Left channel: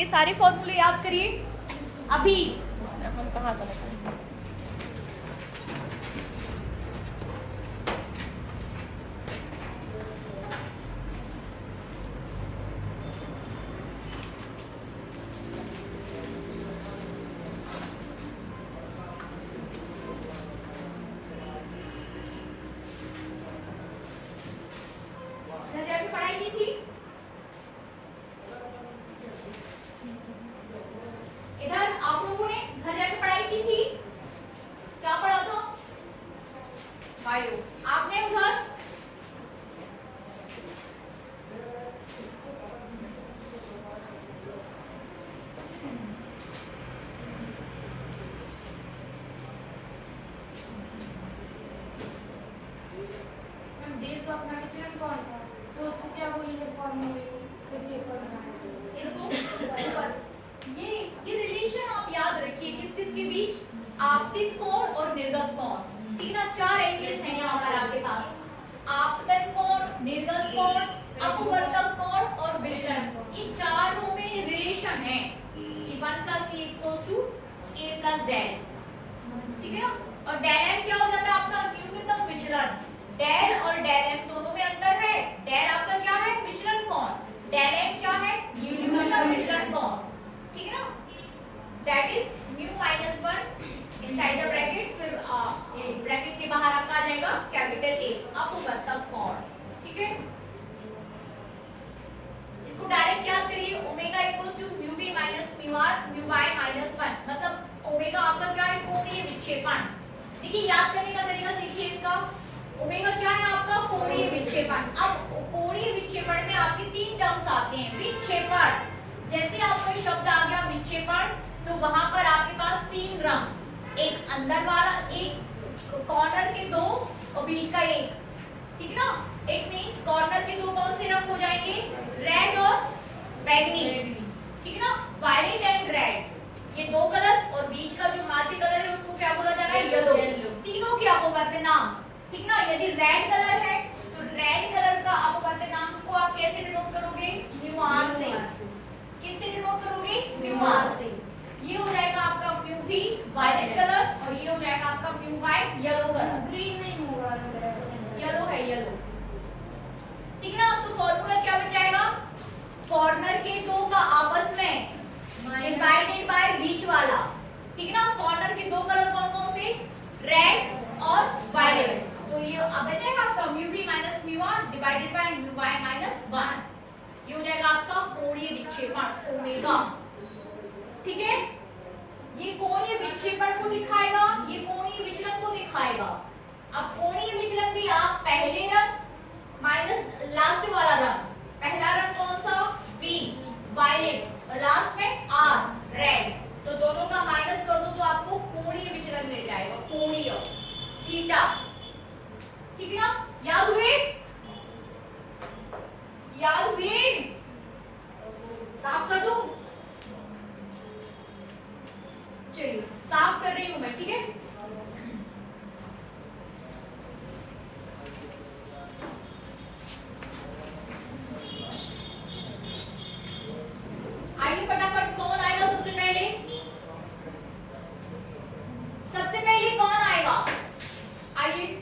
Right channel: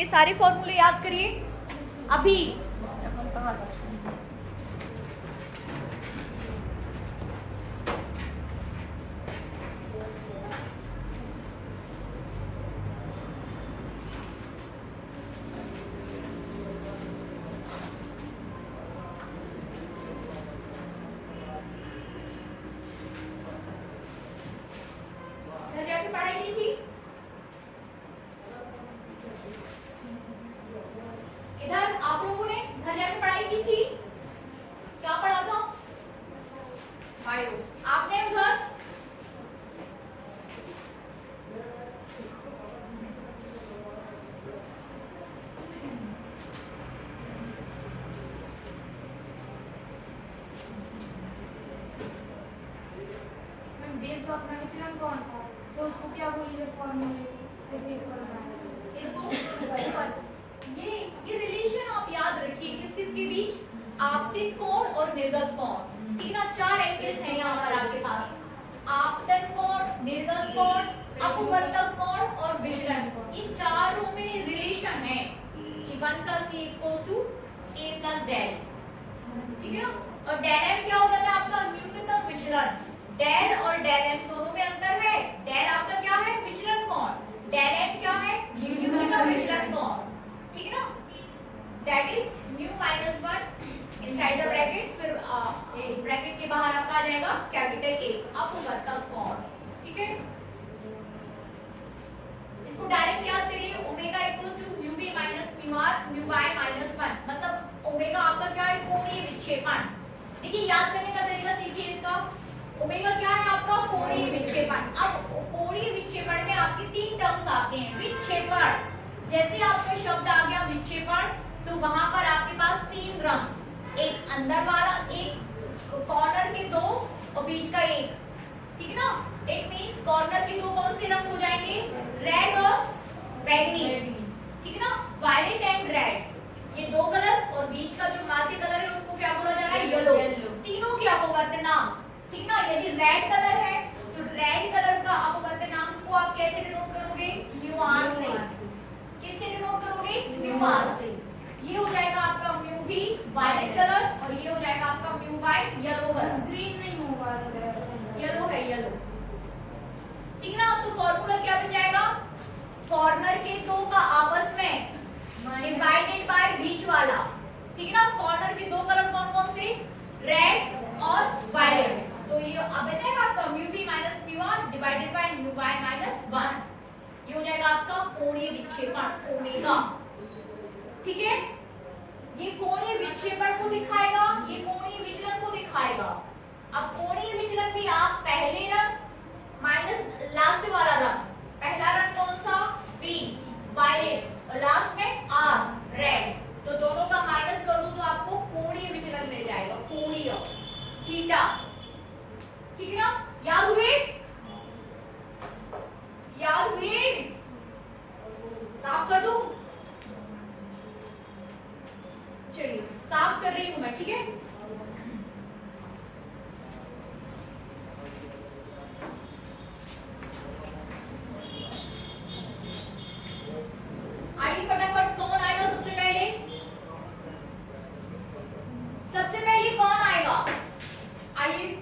ये सारे फॉर्मूले याद करिए अभी। घर जाके पढ़ाई की थी? इधर आप लोगों ने घर जाके पढ़ाई की थी? क्या पढ़ा था? बायो। आपने उधर? डेल का अपना विचलन कौन था, तो उसको क्या बोलेंगे इस फॉर्मूले को, इस पेपर में इसको ये रिलेशन आप याद रखिए किस किस के बीच, आपतित कोण और निर्गत कोण। ठीक ना, चार एंगल्स हैं यहाँ पर आपके पास, आपतन कोण, निर्गत कोण, अपवर्तक कोण और विचलन कोण। ये चारों में रिलेशन है कि 1 + a = a + डेल। ठीक है ना, और डेल m क्या हो जाता है आपका न्यूनतम विचलन। डेल और डेल m दोनों में अंतर है। डेल आपका क्या है विचलन कोण, डेल m क्या है न्यूनतम विचलन कोण। ठीक है ना, that is mu - 1 inside the bracket, फिर ब्रैकेट के बाहर आपका आ जाएगा कैपिटल A अपवर्तक कोण। ठीक है, इसको डायरेक्ट याद करिए, ओमेगा = μv - μr μy - 1, मतलब ओमेगा आपका क्या है कोणीय विक्षेपण। देखिए याद करने का तरीका सीखिए इसका। ओमेगा क्या है आपका कोणीय विक्षेपण। अब कोणीय विक्षेपण में आपके तीन टर्म्स आते हैं। विक्षेपण, जैसे आपका शब्द आ गया विक्षेपण, तो वहां पर आपके पास तीन रंग, एक अंदर वाला, एक कॉर्नर के दो और बीच का एक। ठीक है ना, इट मींस कॉर्नर के दो कौन से रंग हो जाएंगे, रेड और बैगनी। ठीक है ना, वायलेट एंड रेड, ये दो कलर, और बीच का जो माध्य कलर है उसको क्या बोला जा रहा है, येलो। तीनों के अपवर्तनांक। ठीक ना, यदि रेड कलर है तो रेड कलर का अपवर्तनांक को आप कैसे डिनोट करोगे, म्यू आर से। किससे डिनोट करोगे, म्यू आर से। ये हो जाएगा आपका म्यू वी वायलेट कलर, और ये हो जाएगा आपका mu y yellow colour. Green नहीं होगा, येलो है, येलो। ठीक ना, तो फॉर्मूला क्या बन जाएगा, कॉर्नर के दो का आपस में डिवाइडेड बाय बीच वाला। ठीक है ना, कॉर्नर के दो कलर कौन कौन से, रेड और वायलेट। तो ये अब बचेगा आपका mu v - mu r divided by mu y - 1। ये हो जाएगा आपका कोणीय विक्षेपण ओमेगा। ठीक है, ये कोणीय विक्षेपण को दिखाएगा, ये कोणीय विचलन को दिखाएगा। अब कोणीय विचलन भी आप पहले रंग माइनस लास्ट वाला रंग, पहला रंग कौन सा, V वायलेट, और लास्ट में R रेड, तो दोनों का माइनस कर दो तो आपको कोणीय विचलन मिल जाएगा, कोणीय थीटा। ठीक है ना, याद हुए, याद हुए, साफ कर दूं, चलिए साफ कर रही हूं मैं। ठीक है, आइए फटाफट कौन आएगा सबसे पहले, सबसे पहले कौन आएगा, आइए।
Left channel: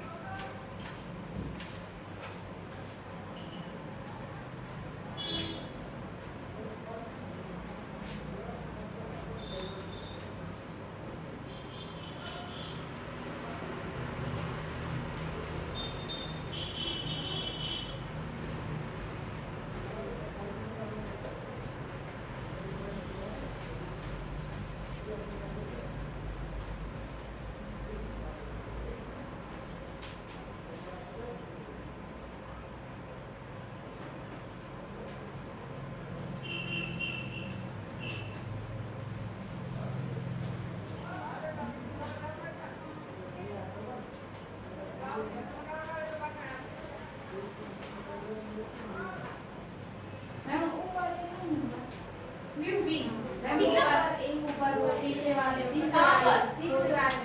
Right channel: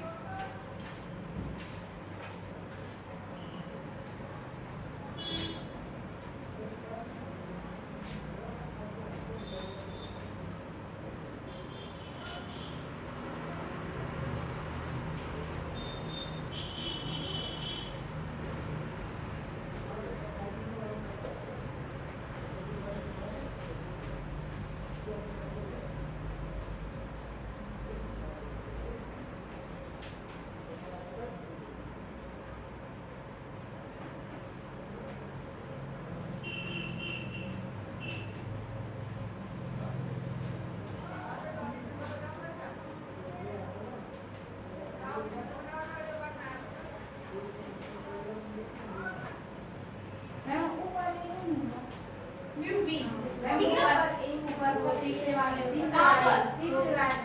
म्यू वी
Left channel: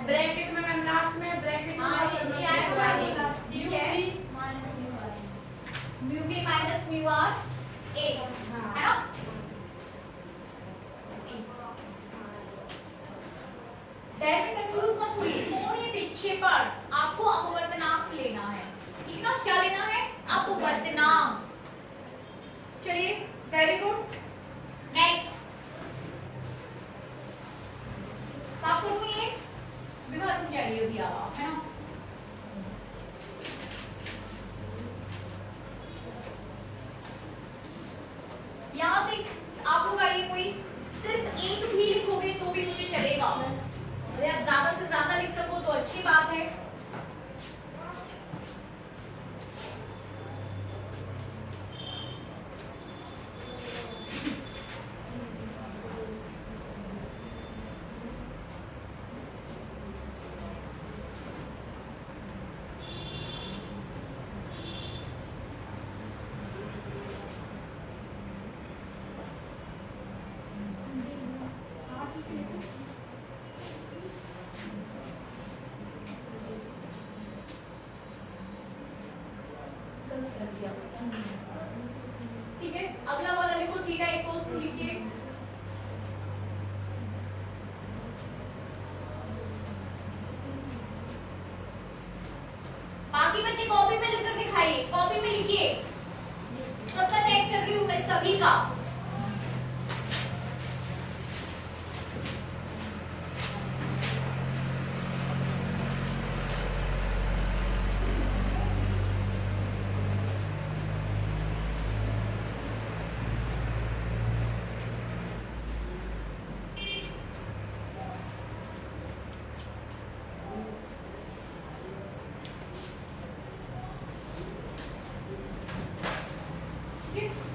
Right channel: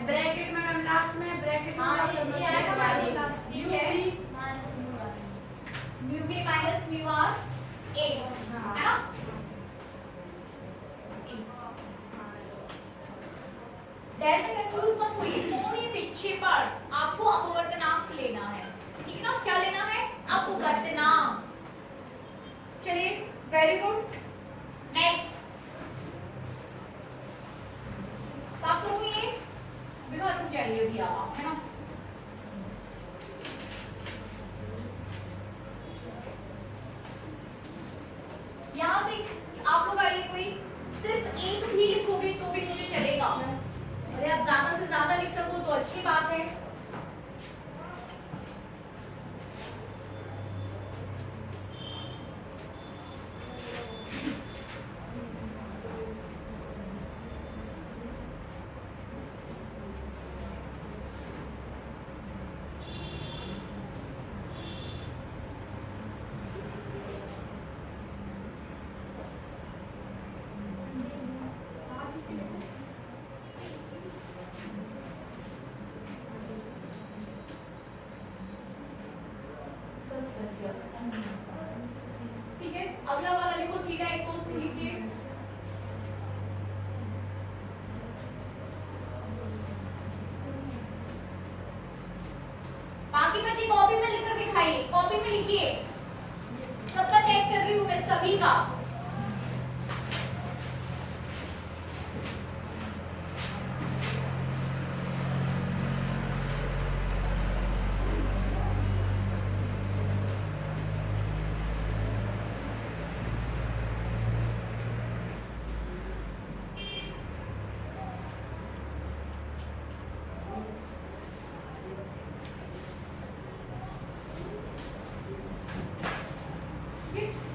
ब्रैकेट में मैम लास्ट में ब्रैकेट में ये आएगा, ठीक है, mu v - mu R A, है ना। डैश में कंफ्यूज मत होइए, कोणीय विक्षेपण आपको अपवर्तनांक लेना है, ठीक ना? क्या लेना है? अपवर्तनांक। चलिए वेरी गुड। नेक्स्ट साफ करूँ ये विभाग में जाइए अभी आप, है ना? यहाँ से आप लोग आइए, कोई सिर्फ एक भी लिखोगे तो भी मुझे चलेगा, अरे आप ज्यादा से ज्यादा लिख सको तो अच्छी बात है। ठीक है, अगला वाला लिखो, थीटा इक्वल्स टू लिखिए। बाकी बच्चे कॉपी में लिखकर दिखाइए, कॉपी में लिखिए, सबका चेक कर रही हूँ मैं, सभी का।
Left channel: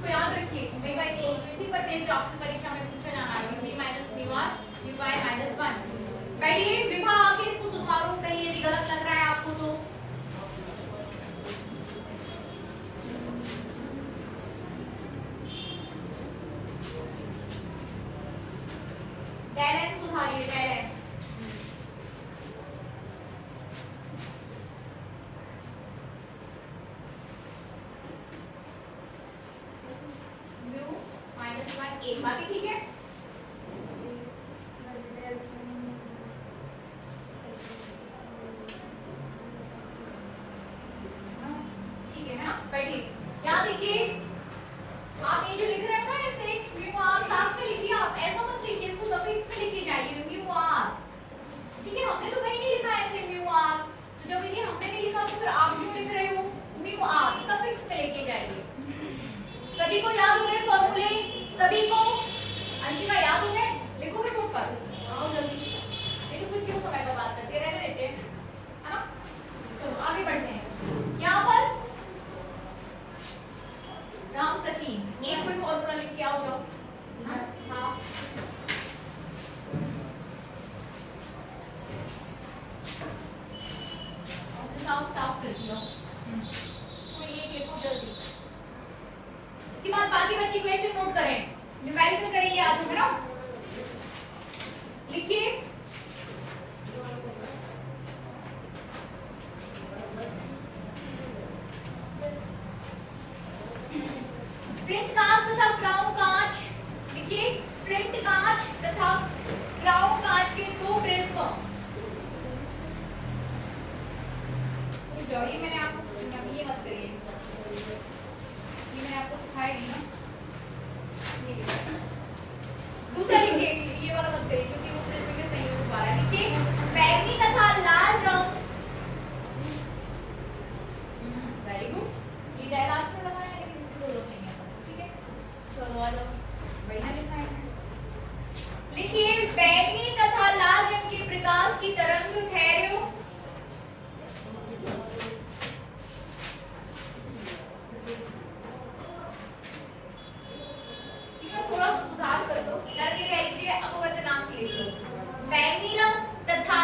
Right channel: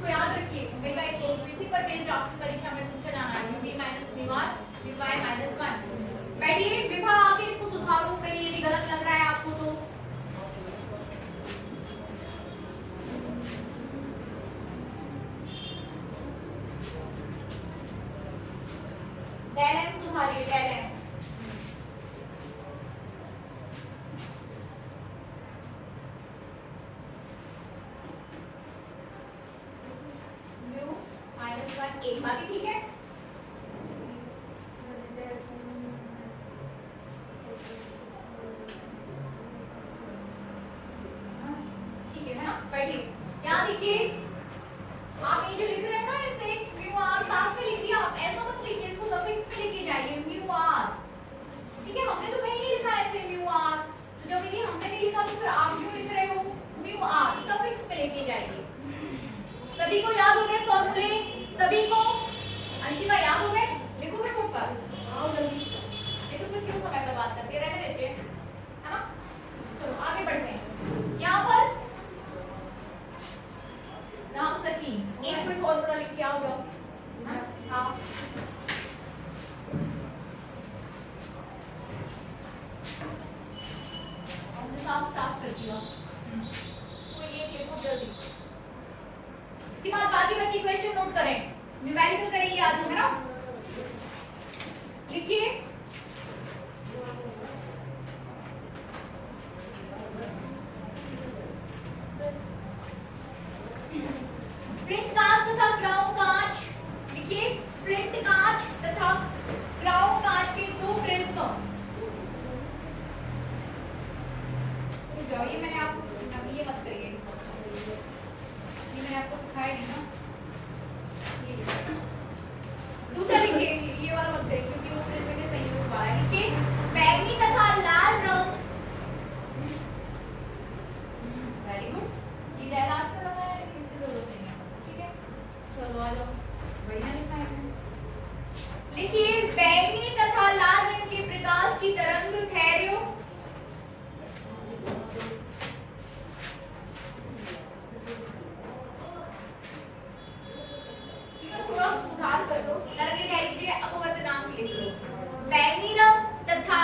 तो याद रखिए ओमेगा इक्वल्स टू, इसी पर बेस्ड आपकी परीक्षा में पूछा जाना है, u v minus mu r u y minus 1। बैठिए विभा, आके इसको सुधारो कहीं यदि गलत लग रहा है आपको तो। डेल एन सुधारिए, डेल एन। एक बाकी ठीक है, ठीक है ना? बैठिए, यहाँ देखिए, आप ये जो लिख रहे हो ना ऐसे म्यू आर, साथ में लिखिए, आप ऐसा मत लिखिए, इसको सफिक्स में लेके जाइए म्यू आर, ठीक है? हमने तो कहीं नहीं लिखा ऐसे म्यू आर, तो जब ये हमने नहीं लिखा तो फिर आप क्यों लिख रहे हो म्यू आर? सफिक्स में लेके जाइए। सभी को याद हो गए फॉर्मूले? सभी को? अंशिका याद हो गए? लिखोगे खुद पर? आओ जल्दी, नहीं तो फिर क्यों समय बर्बाद करते हैं, रहने देते हैं, है ना? चलो आगे बढ़ते हैं। यहाँ पर राम सखी एक कोई फॉर्मूला लिख के आओ, जाओ। हाँ साफ साफ कर दिया, कोई एक लिखो जल्दी। इसके बाद बाकी बच्चे क्वेश्चन नोट करें, न्यूमेरिकल करेंगे आज हम, है ना? लिखिए फ्लिंट कांच तथा ग्राउंड कांच, लिखिए फ्लिंट कांच तथा ग्राउंड कांच के दो प्रिज्म। ये मैंने आपको, ये मत करिए, ये मैंने आपको सिखाया नहीं ना। दूसरा लिखिए, ये वाला मत करिए क्योंकि वो प्रिज्म के संयोग वाला है। लिखिए बैंगनी तथा लाल रंग, वेरी गुड। ये डायल आपको लगाया है लेकिन दो नहीं है, ठीक है? चलो आ जाओ, बढ़िया लिखा है। लिखिए बैंगनी तथा लाल रंग के प्रकाश की तरंग ठहरियो, थोड़ा सुधार कर दो, करके कह लीजिए अपवर्तनांक लिख लो। बैंगनी रंग तथा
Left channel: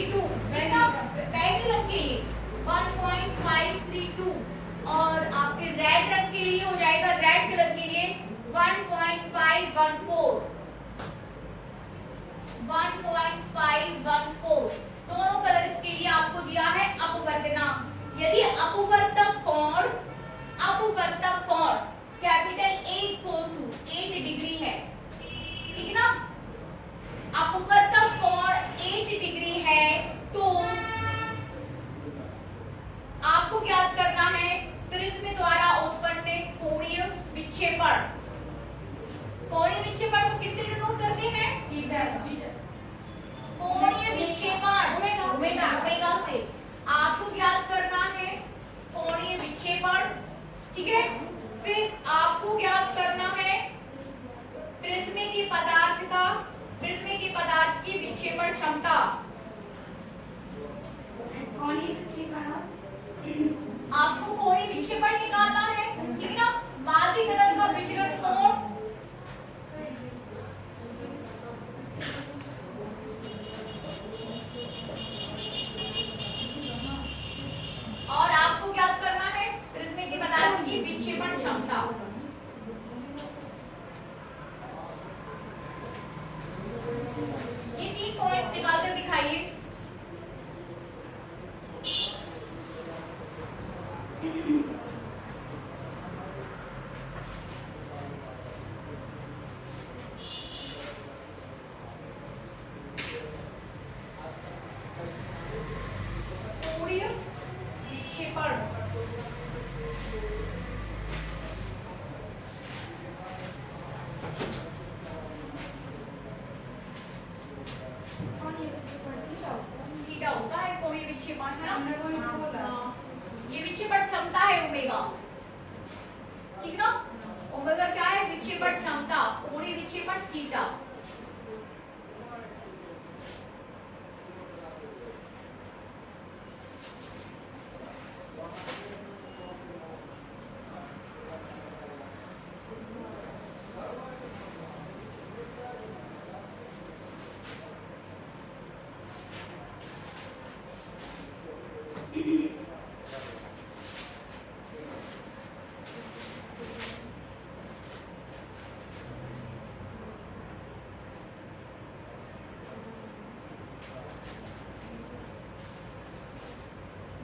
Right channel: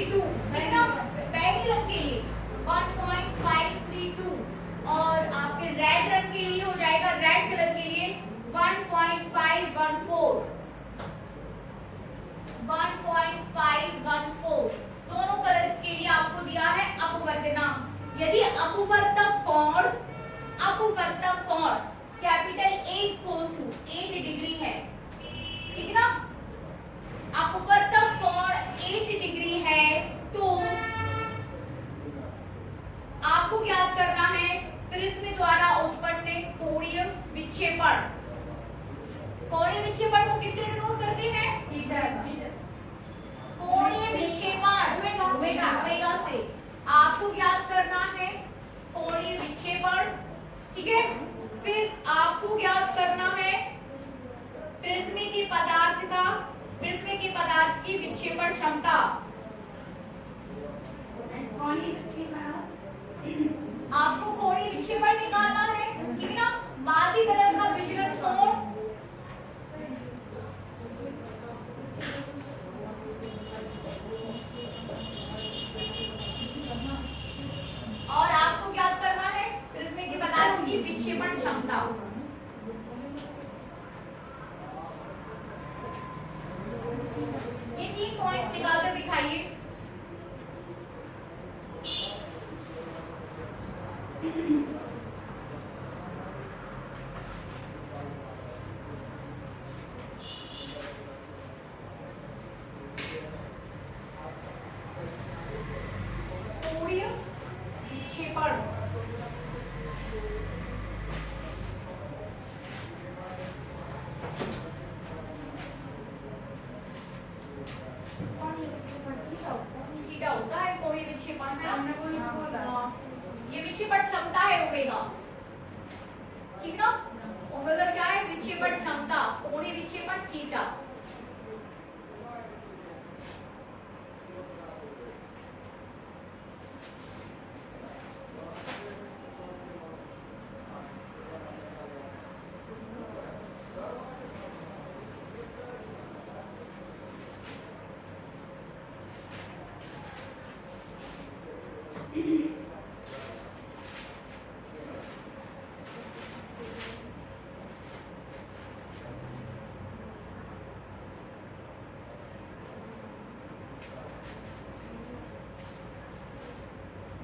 1.532 कितना बैगनी रंग के लिए 1.532 और आपके रेड रंग के लिए हो जाएगा रेड कलर के लिए 1.514 दोनों कलर्स के लिए आपको दिया है अपवर्तनांक। यदि अपवर्तक कोण capital A equals to 8 degree है, ठीक है ना, अपवर्तक कोण 8 डिग्री है तो आपको क्या करना है, प्रिज्म द्वारा उत्पन्न कोणीय विक्षेपण। कोणीय विक्षेपण को किससे डिनोट करते हैं? कोणीय विक्षेपण ओमेगा से। आपको ज्ञात करना है कोणीय विक्षेपण, ठीक है। फिर आपको ज्ञात करना है प्रिज्म की पदार्थ की विक्षेपण क्षमता। आपको कोणीय विक्षेपण निकालना है, ठीक है ना। माध्य कलर का विचरण कोण और आपको ज्ञात करना है प्रिज्म के पदार्थ की विक्षेपण क्षमता। ये 3 पॉइंट्स निकालकर दिखाइए। कोणीय विक्षेपण थीटा होता है कोणीय विक्षेपण, है ना। हमने कोई बोला ये विक्षेपण क्षमता है ओमेगा, ठीक ना। ओमेगा क्या है? विक्षेपण क्षमता। कोणीय विक्षेपण थीटा।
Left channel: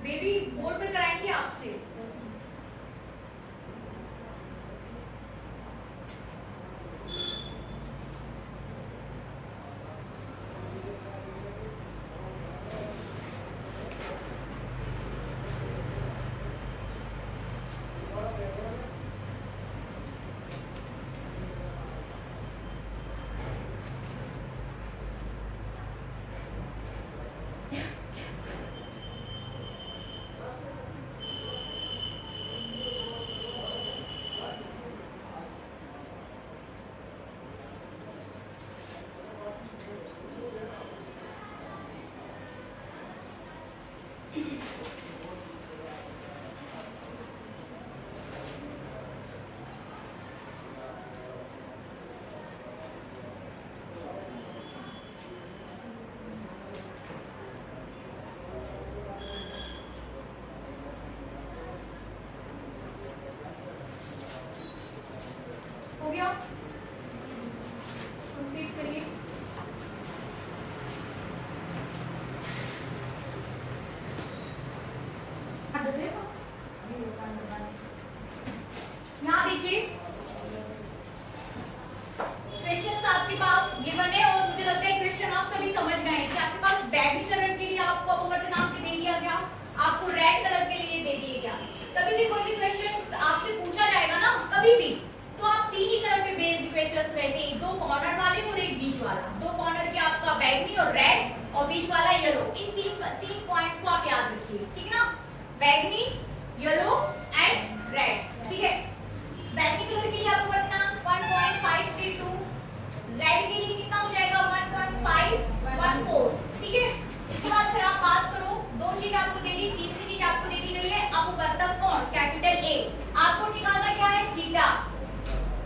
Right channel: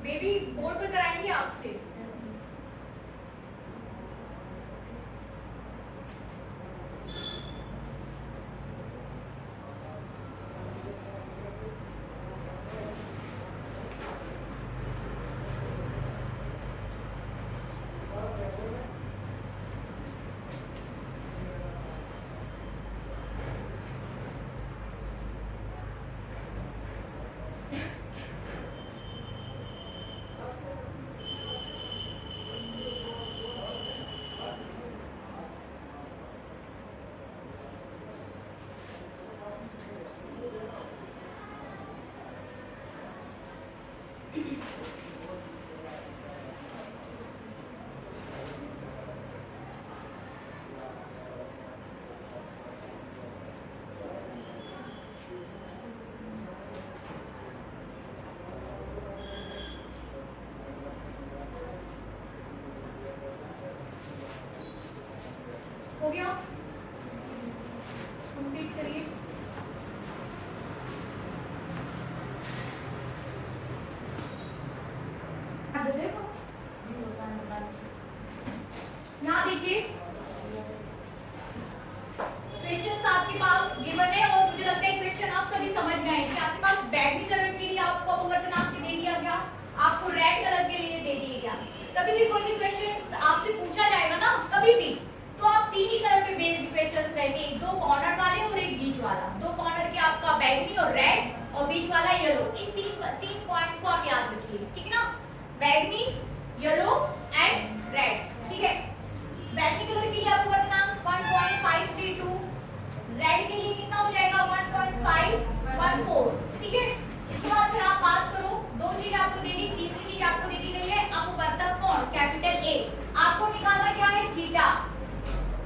बेबी बोर्ड पर कराएंगे आपसे। हो गया, कंप्लीट करिए। यहाँ देखिए क्वेश्चन आपके पास गिवन है और मुझे लगता है क्वेश्चन आप सभी समझ गए हैं कि आपके पास बैगनी कलर के लिए आपको अपवर्तनांक दे दिया गया, आपको रेड कलर के लिए दे दिया गया। कभी भी कोई भी क्वेश्चन आपसे पूछा जाएगा ना, कभी भी, तो आप 3 ही कलर पे बेस्ड इक्वेशंस रहते हैं, 2 कॉर्नर वाले और एक बीच वाला। 2 कॉर्नर के आपका बैगनी और रेड और बीच वाला येलो। इन 3 पॉइंट्स को आप याद रखिए, ठीक है ना। बैगनी, येलो एंड रेड, ठीक है। बैगनी कलर के लिए अपवर्तनांक 1.532, रेड के लिए कितना हो जाएगा 1.514, ठीक है। इसके बाद फिर आप बात करो, 2 चीज आपको दे दी, तीसरी चीज आपको दे दी गई है अपवर्तक कोण कैपिटल A। आपको निकालना क्या है? थीटा।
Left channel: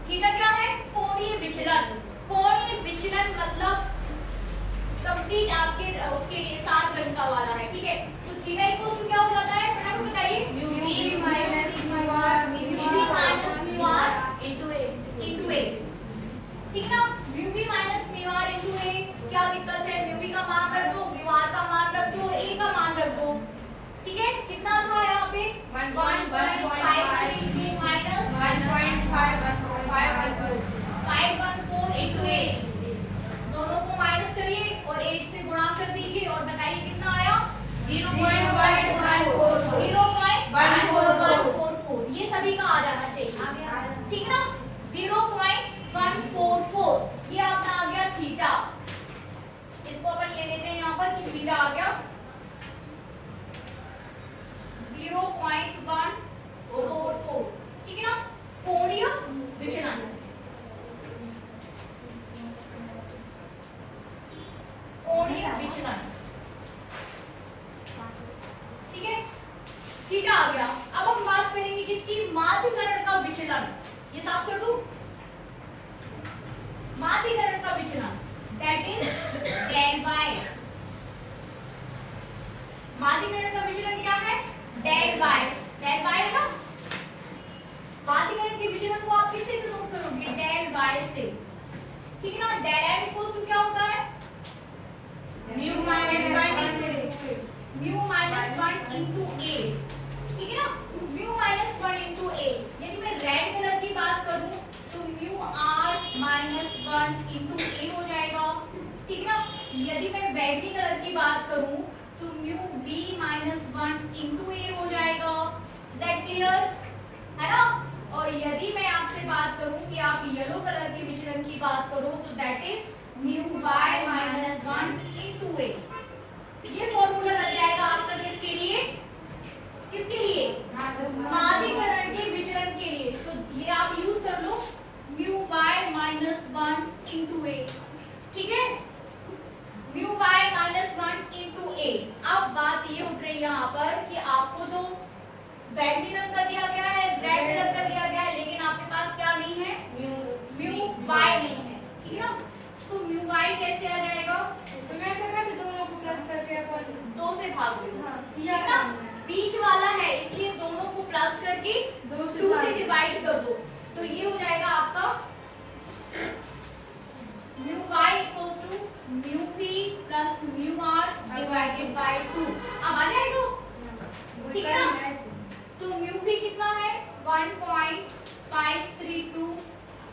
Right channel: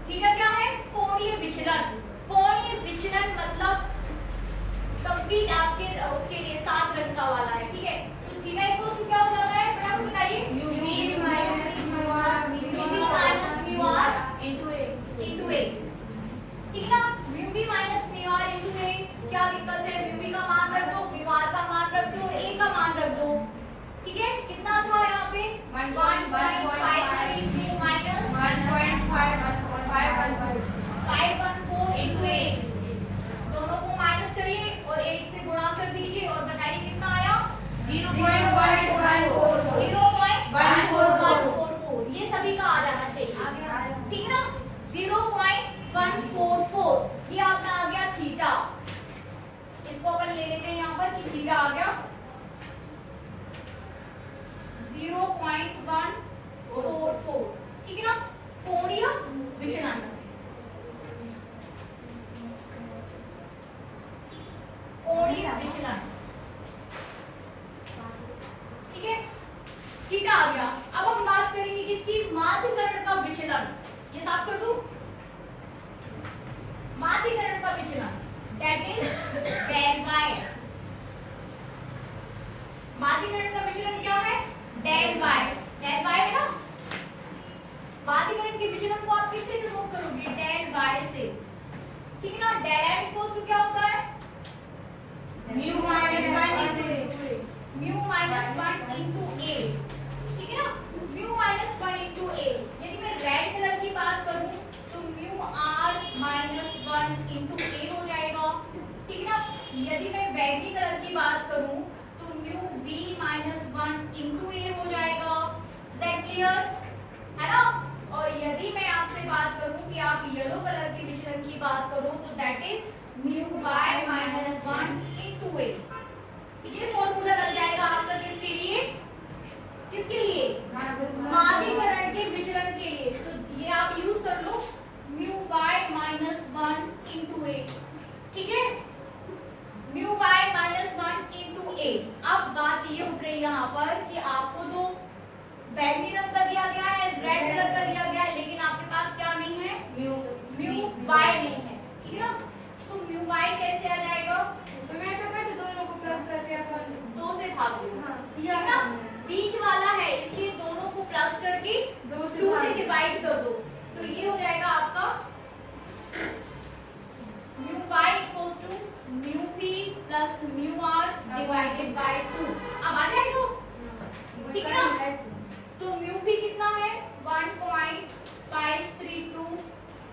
थीटा क्या है? कोणीय विचलन। कोणीय विचलन मतलब कंप्लीट आपके उसके लिए 7 रन का वाला है, ठीक है। तो थीटा इक्वल टू क्या हो जाता है, फटाफट बताइए। UV minus mu r UV minus mu r into a into a, ठीक है ना। Mu minus mu r into a, क्या दिक्कत है, म्यू का मान रख दो, म्यू आर का मान रख दो, ए का मान रख दो, ठीक है। कितना था यहाँ पे 1.5 माइनस 514 इनटू 8, दोनों को माइनस करिए और 8 से गुणा कर दीजिए और बताइए कितना आया 0.1444, ये सभी का आ जाना चाहिए, ठीक है ना। 0.144 ये आपका आ गया थीटा, इसको अपन ले लेते हैं यहाँ पर कि थीटा आ गया 0.144, ठीक है ना। कोणीय विचलन, कोणीय विचलन, ठीक है, थीटा आ गया। अब हम बात करेंगे किसकी, माध्यकरण का विचलन, ये साफ कर दूं, माध्यकरण का विचलन दैट इज डेल बाय, माध्यकरण का विचलन क्या है, डेल बाय है ना। माध्यकरण के विचलन को आप किससे डिनोट करोगे, डेल बाय से, ठीक है ना। डेल इक्वल टू क्या होता है, mu minus 1 into A, mu minus 1 into a, ठीक है ना। म्यू माइनस 1 इनटू ए, यदि मैं रेड कलर की बात करूं तो म्यू आर माइनस 1 इनटू ए हो जाएगा, ठीक है ना। यदि मैं बैगनी कलर की बात करूं तो म्यू वी माइनस 1 इनटू ए हो जाएगा, इज दैट क्लियर, है ना। और यदि मैं आपसे बात करूं कि आप येलो कलर के विचलन की बात करो तो that is mu y minus 1 into a, ये फॉर्मूला लग जाएगा आपका किसके लिए, किसके लिए, माध्यकरण के विचलन के लिए। तो ये आप यूज कर लो mu y minus 1 into a, ठीक है, म्यू वाई माइनस 1 इनटू ए। अब बात ये उठ रही है यहाँ पर कि आपको तो बैंगनी रंग का दिया गया है, रेड कलर का दिया गया है, लेकिन आपके पास क्या नहीं है, म्यू वाई नहीं है, ठीक है ना। तो म्यू वाई कैसे आ जाएगा, तो मैं ऐसा कर दोनों को प्लस करके अपन 2 से भाग दो, हाँ, ठीक है ना। बीच वाला है इसलिए दोनों को प्लस करके 2 से डिवाइड कर दो, तो ये हो जाएगा आपका mu y equal to mu v plus mu r divided by 2, अब आ जाएगा, ठीक है ना। तो म्यू वी कितना है 1.532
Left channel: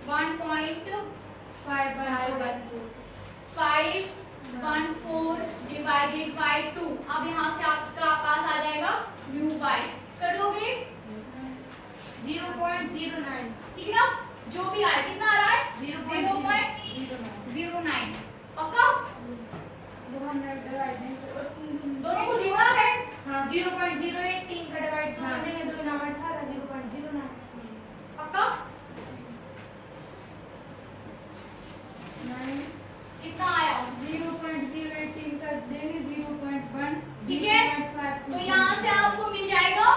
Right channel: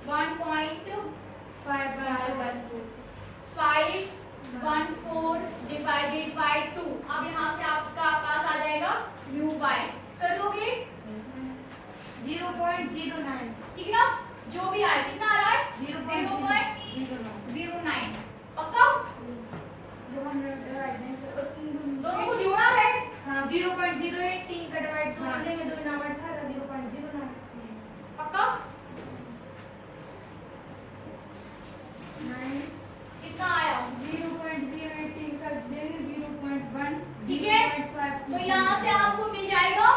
1.514 डिवाइडेड बाय 2। अब यहाँ से आपका पास आ जाएगा म्यू वाई, कर लोगे 0.09, ठीक है ना। जो भी आए कितना आ रहा है 0.09, पक्का, दोनों को जोड़ा है, हाँ 0.08 3 का डिवाइड 2 देंगे 2 नाम 18 0.09, पक्का। कितना आया 0.08 3 का देंगे 0.1, ठीक है। तो यहाँ से आपको मिल जाएगा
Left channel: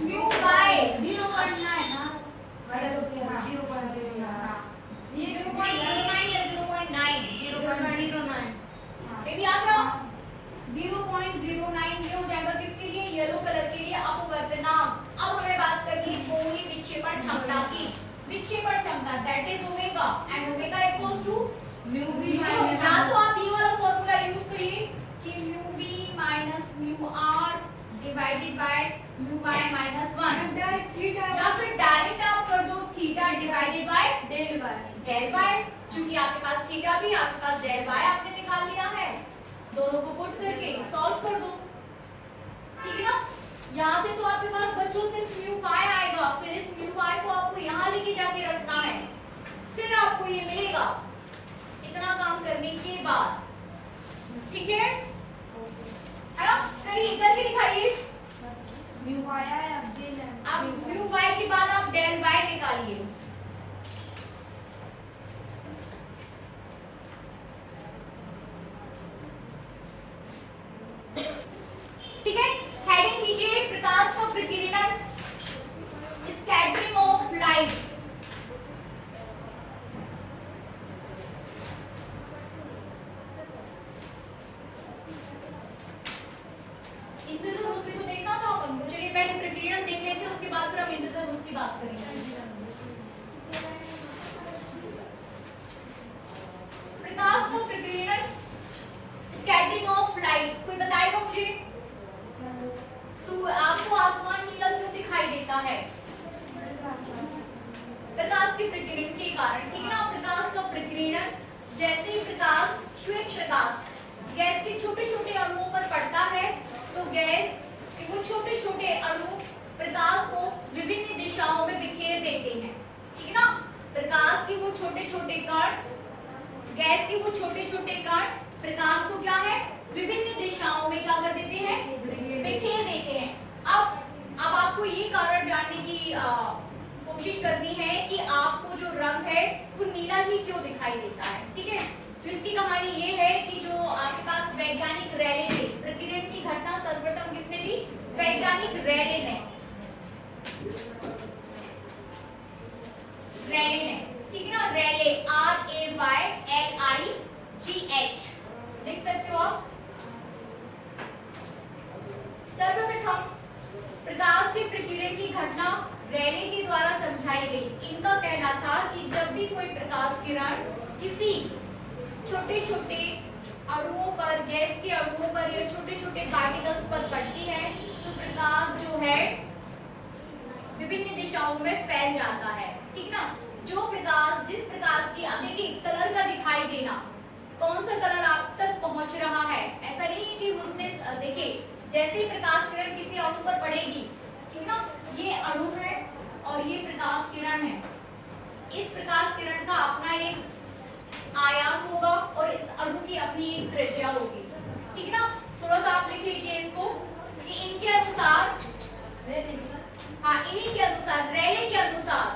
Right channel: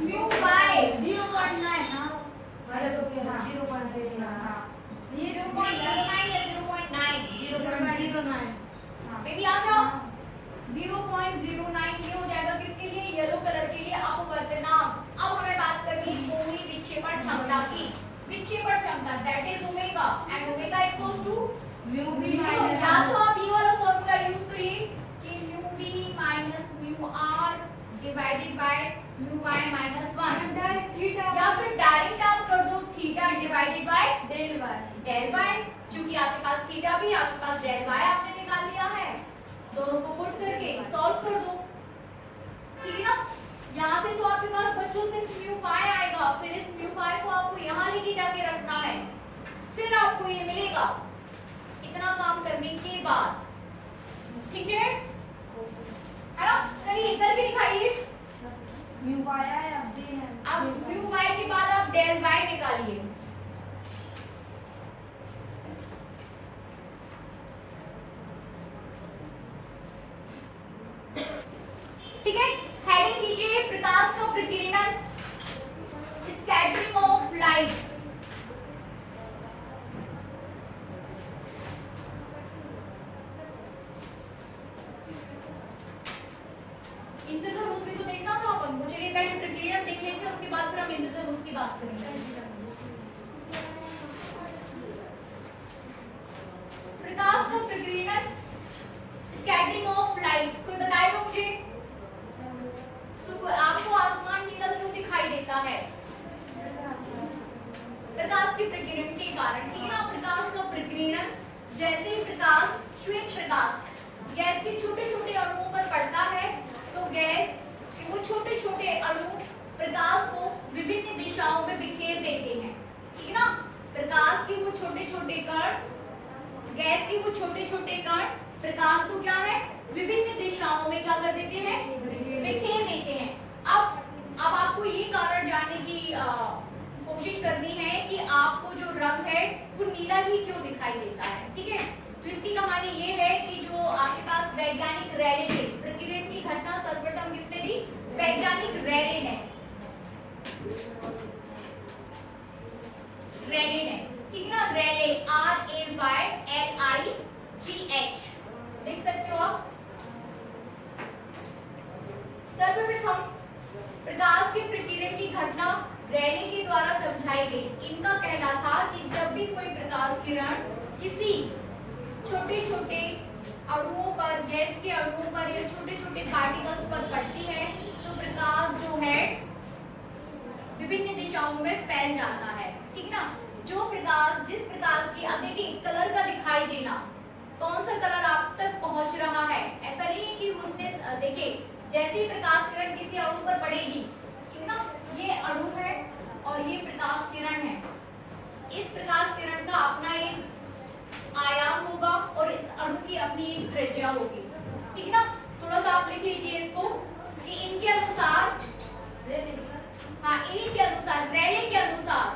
म्यू बाय 0.9, अरे तो क्या 0.09, ये 0.09 या 0.9, 0.09 ये भी आ गया 0.09, ये हो जाएगा किसके लिए, येलो कलर के लिए अपवर्तनांक। अब हमें बात करनी है कोणीय विक्षेपण क्षमता की, विक्षेपण क्षमता that is omega and omega equals to mu b या तो आप ये वाला फॉर्मूला यूज करिए कि mu b minus mu r divided by mu y minus 1, या फिर डायरेक्ट आप कर दो theta divided by del y, क्योंकि आपके पास थीटा भी आपके पास डेल वाई आपने निकाल लिया है, दोनों को पुट करके सॉल्व कर दो, ठीक है ना। यहाँ से तो आपके पास बच्चों सिर्फ म्यू वाई आएगा, फिर इस म्यू वाई को आपको यहाँ लेके जाके रखना है, फिर आपको ये मिलेगा इतना काम करने के बाद, ठीक है ना। करिए करके दिखाइए, म्यू वाई आया अब डेल है, अब म्यू वाई के बाद आप डेल वाई निकालिए, ठीक है। हेडिंग कीजिए प्रकाश का प्रकीर्णन, स्कैटरिंग ऑफ लाइट। हम इंद्रधनुष की बात करेंगे। प्रकाश का प्रकीर्णन, स्कैटरिंग ऑफ लाइट, कोई बताएगा मुझे? आपको आसमान नीला क्यों दिखाई देता है? प्रकाश के प्रकीर्णन के कारण, ठीक है ना। प्रकाश का प्रकीर्णन, जैसे प्रकाश, श्वेत प्रकाश गैस के छोटे छोटे अणुओं पर पड़ता है तो गैस के वो छोटे छोटे अणु प्रकाश को विभिन्न दिशाओं में बिखेर देते हैं, ठीक है ना। प्रकाश के वो छोटे छोटे कण, गैस के वो छोटे छोटे कण प्रकाश को क्या है, विभिन्न दिशाओं में क्या कर देते हैं, बिखेर देते हैं। अब आपको ये कारण जानने की कोशिश करनी है कि आपको जो रंग है वो नीला ही क्यों दिखाई देता है, ठीक है। तो इसकी कहानी ये है कि जो आपके पास वैज्ञानिक रैले थे, प्रकीर्णन की घटना सर्वप्रथम किसने दी? वैज्ञानिक रैले ने, रैले ने, ठीक है ना। रैले, RAYLIGH लिख सकते हो आप। सर्वप्रथम प्रकाश के प्रकीर्णन की घटना रैले के द्वारा समझाई गई। इनका कहना था कि जब भी कोई प्रकाश किरण किसी छोटे छोटे अणुओं पर, गैस के अणुओं पर या छोटे छोटे पार्टिकल्स पर पड़ती है तो प्रकाश जो है विभिन्न दिशाओं में फैल जाता है, ठीक ना। जो प्रकाश, जिस प्रकाश की, अब देखिए कलर का दिखाई देना, कौन सा कलर आप तक पहुंच रहा है, ऐसा नहीं है कि उसने, देखिए जैसे ही प्रकाश किरण किसी अणु पर पड़ेगी, ठीक ना, ये अणु है और ये प्रकाश किरण है। इस प्रकाश किरण का अपना एक आयाम होगा और इस अणु की अपनी एक त्रिज्या होगी, ठीक ना। थोड़ा सा आप लिख लीजिए इसको कि इनके अनुसार, हाँ इन्हीं के अनुसार, रैले के अनुसार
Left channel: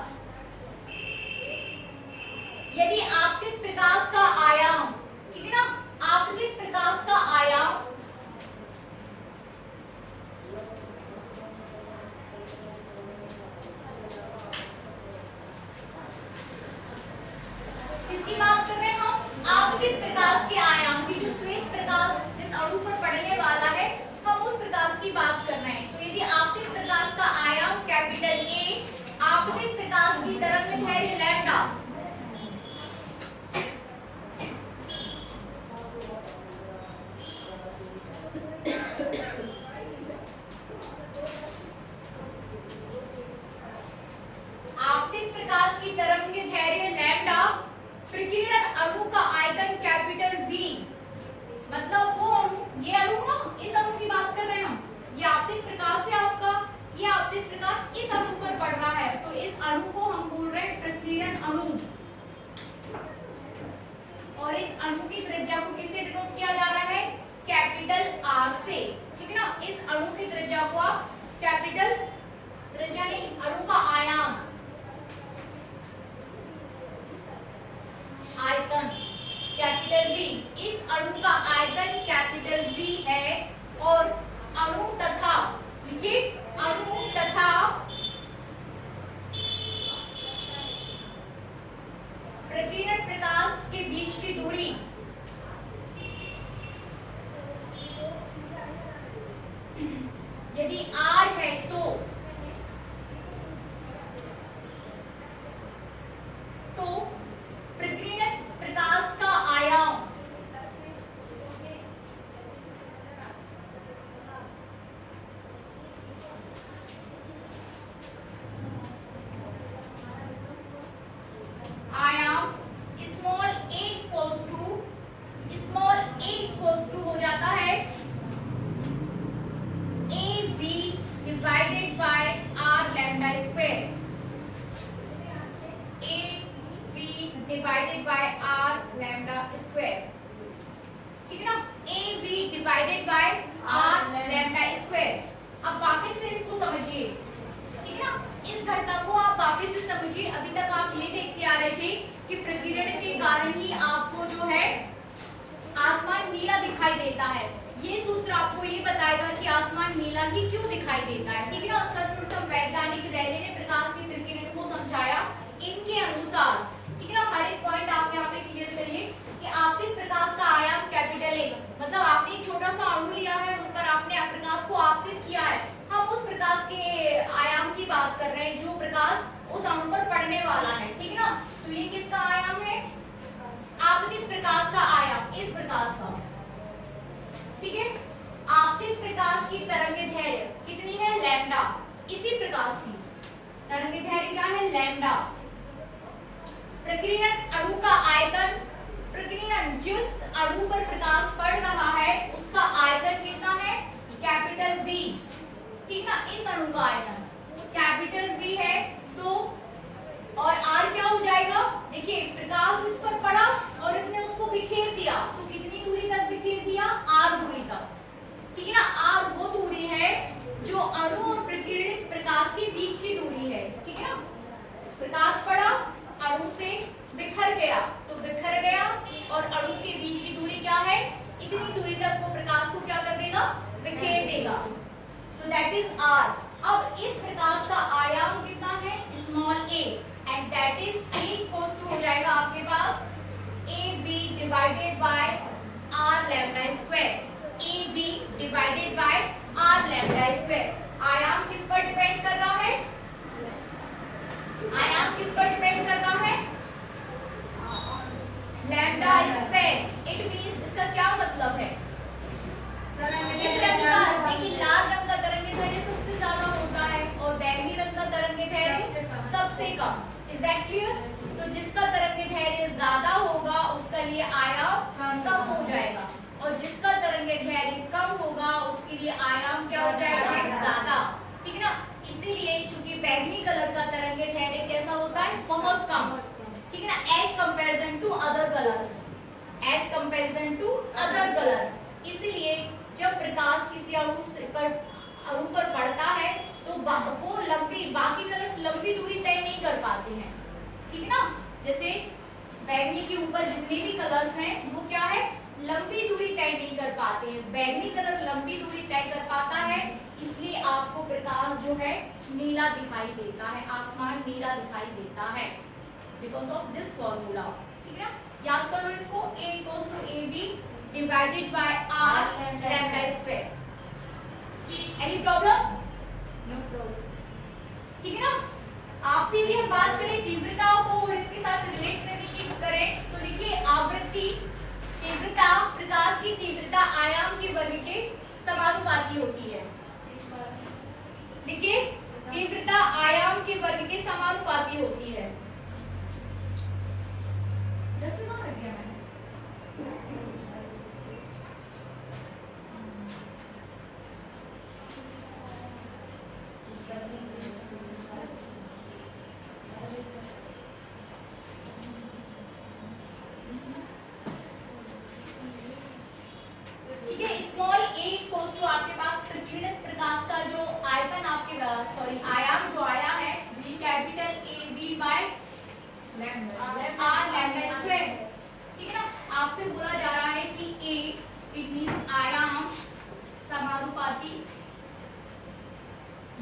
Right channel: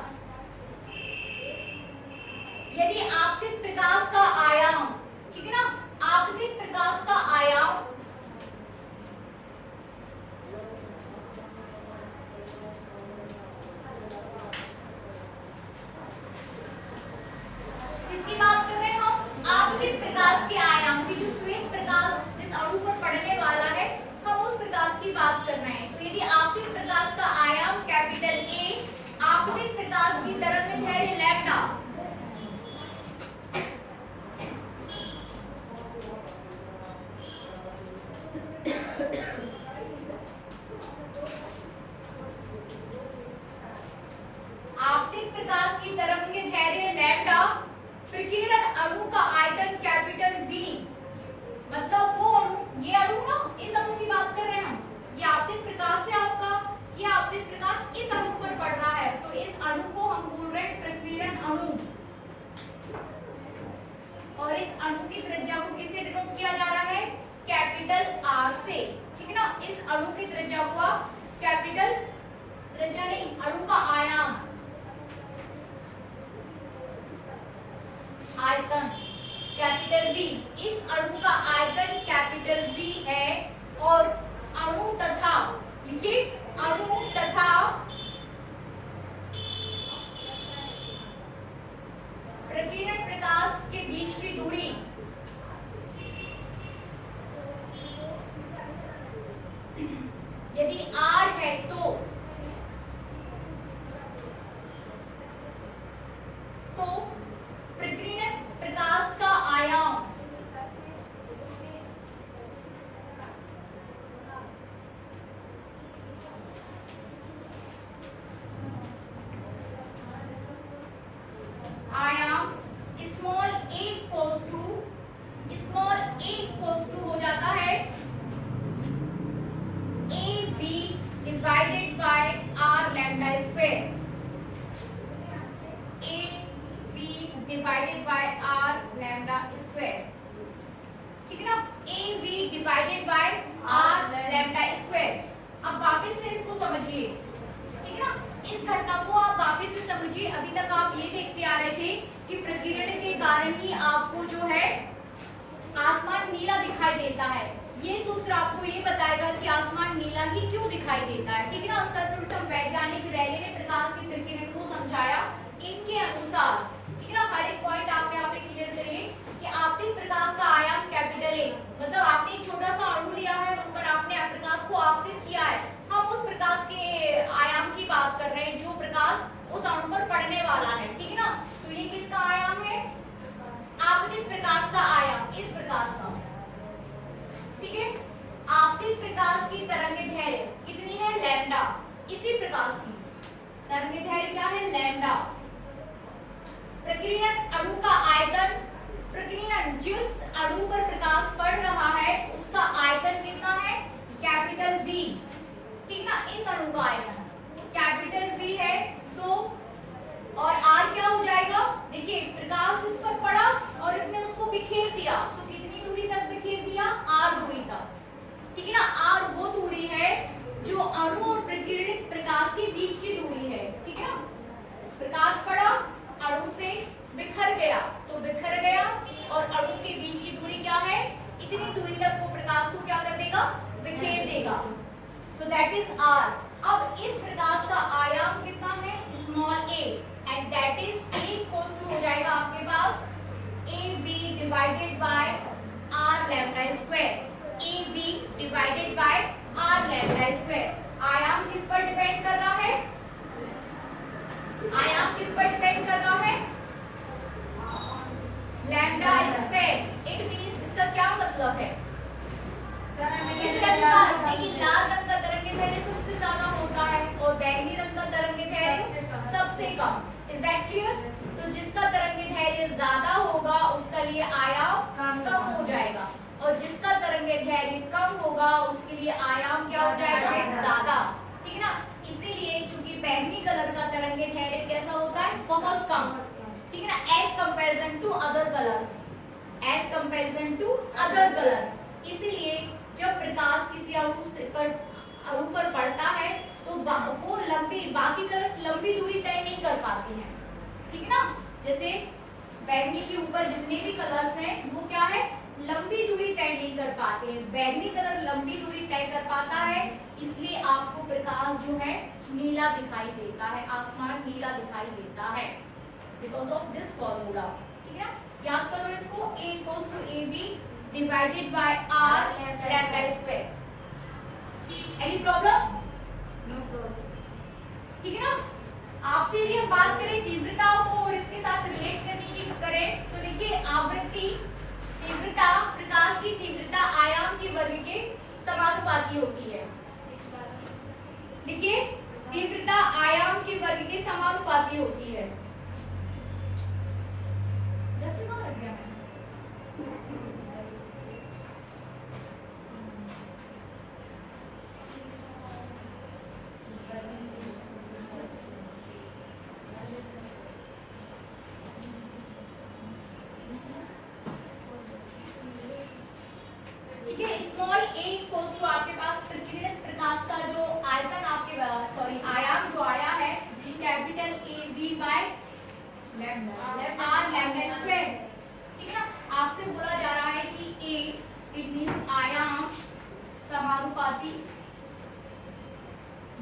यदि आपतित प्रकाश का आयाम, ठीक है ना, आपतित प्रकाश का आयाम किसकी बात कर रहे हैं हम? आपतित प्रकाश के आयाम की, जो श्वेत प्रकाश जिस अणु पर पड़ने वाला है हम उस प्रकाश की बात कर रहे हैं। तो यदि आपतित प्रकाश का आयाम कैपिटल A, आपतित प्रकाश की तरंगदैर्घ्य लैम्डा, आपतित प्रकाश की तरंगदैर्घ्य लैम्डा, प्रकीर्णन अणु का आयतन कैपिटल V, मतलब वो अणु, ये अणु ना, इस अणु की बात कर रहे हैं हम, ये आपतित प्रकाश है आपका, ये आपतित प्रकाश इस अणु पर पड़ रहा है तो इस अणु को हम बोल रहे हैं प्रकीर्णन अणु, और इस अणु की त्रिज्या को किससे डिनोट किया जा रहा है? कैपिटल R से, ठीक है ना। इस अणु की त्रिज्या को आप कैपिटल, त्रिज्या नहीं, अणु का आयाम, आयतन कैपिटल V, इस अणु का आयतन कैपिटल V है और अणु तथा, लिखिए अणु तथा प्रकीर्णन प्रकाश के बीच की दूरी यदि R है तो प्रकीर्णन प्रकाश का आयाम स्मॉल a हो जाता है AV divided by R lambda square, AV divided by R lambda square, ठीक है ना। AV divided by R lambda square. अब वापस से इसको समझिए, ठीक है ना। इस घटना को आप वापस से समझिए। अभी तक आप ये देखते आ रहे थे कि प्रकीर्णन के कारण ही आपको जो है आसमान नीला दिखाई देता है। ये सूत्र आपको ये बताएगा कि आसमान नीला ही क्यों दिखाई देता है, ठीक है ना। सर्वप्रथम वैज्ञानिक रैले ने प्रकाश के प्रकीर्णन को समझाया इनके अनुसार, ठीक है ना। हर एक पॉइंट आप यहाँ पे क्लियर करिए कि आपतित प्रकाश का आयाम कैपिटल A, मतलब आपने एक छोटा सा अणु लिया है, उस पर आपने प्रकाश को आपतित किया है। हम उस प्रकाश के आयाम की बात कर रहे उस अणु पर पड़ने वाला है, ठीक है ना। तो ये किसका आयाम है, आपतित प्रकाश का आयाम, इस प्रकाश का, ठीक है। आपतित प्रकाश की तरंगदैर्घ्य कितनी है, लैम्डा। इसी प्रकाश की तरंगदैर्घ्य क्या है, लैम्डा। प्रकीर्णन अणु का आयतन, प्रकीर्णन जिस अणु पर प्रकाश पड़ रहा है उसका आयतन कितना है, कैपिटल V, ठीक ना। इस अणु का आयतन कैपिटल V है, तो और R क्या हो जाएगा, देखिए प्रकाश इस पर पड़ा और इसने उसको बिखेर दिया, तो कितनी दूरी तक बिखेर दिया, R दूरी तक, ठीक है ना। R वो दूरी है जो अणु और प्रकीर्णित प्रकाश के बीच की दूरी है, ठीक है ना। प्रकाश पड़ा, अणु से बिखर गया, तो बिखर गया और अणु के बीच की दूरी क्या है, इतनी दूरी तक वो प्रकाश को क्या कर देगा, बिखेर देगा, तो दैट इज R। अब इस प्रकाश का आयाम कितना है, small a, and that is A equals to हो जाएगा आपके पास AB divided by R lambda square, AB divided by R lambda square. आयाम किस पर डिपेंड कर रहा है, आयाम किस पर डिपेंड कर रहा है, लैम्डा स्क्वायर। इट मींस इसका क्या मतलब है, इस रंग का, देखिए लाल रंग का तरंगदैर्घ्य सबसे ज्यादा होता है और बैंगनी रंग का तरंगदैर्घ्य सबसे कम। Is that clear. तो जिसका तरंगदैर्घ्य ज्यादा होगा उसका लिए आयाम कम हो जाएगा और जिसका तरंगदैर्घ्य कम होगा उसके लिए आयाम क्या हो जाएगा, ज्यादा, ठीक है ना। इसीलिए चूंकि बैंगनी कलर का तरंगदैर्घ्य कैसा होता है, बहुत कम, ठीक है ना, as comparison to other colours, as comparison to other colours. इसलिए जब प्रकाश किसी अणु पर पड़ता है तो वो लंबी, बाकी कलर्स लंबी दूरी तय नहीं कर पाते हैं, ठीक है ना। जैसे बैंगनी के ऊपर जितने भी कलर्स हैं वो क्या है, लंबी दूरी तय नहीं कर पाते हैं, बैंगनी कलर लंबी दूरी तय कर पाता है, इसलिए आपको प्रकाश जो है नीला दिखाई देता है, आसमान नीला दिखाई देता है, बिकॉज ऑफ दिस फॉर्मूला, ठीक है ना। याद करो इसको, A equals to AB divided by R lambda square. Any problem, no problem, ठीक है ना। आपसे यदि हम बात करें तीव्रता को और इसके साथ रिलेट करने की करें तो देखिए आवृत्ति, तीव्रता, प्रकाश की तीव्रता आयाम के वर्ग के समानुपाती होती है, देखिए तीव्रता आयाम के वर्ग के समानुपाती होती है। 10 मिनट लग गया मैंने। ठीक है, स्मॉल a इक्वल्स टू आपके पास प्रकीर्णित प्रकाश का जो आयतन आपके आयाम जो आया है v capital A v by lambda r lambda square, ठीक है ना। आपसे बोला जा रहा है कि a इट मींस आयाम समानुपाती